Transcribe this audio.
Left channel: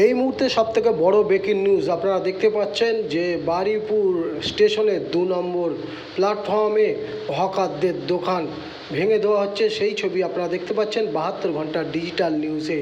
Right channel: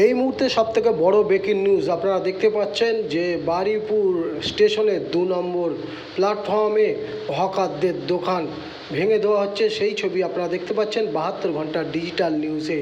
এই মুহূর্তে সবথেকে বড় ব্রেকিং নিউজ আপনারা দেখতে পাচ্ছেন যে বারুইপুর স্টেশনের 2 নম্বর প্ল্যাটফর্মে হকারদের দোকান ভেঙে দেওয়া হচ্ছে। সেই ছবি আপনারা দেখতে পাচ্ছেন 72 ঘন্টা ডিজিটাল নিউজে।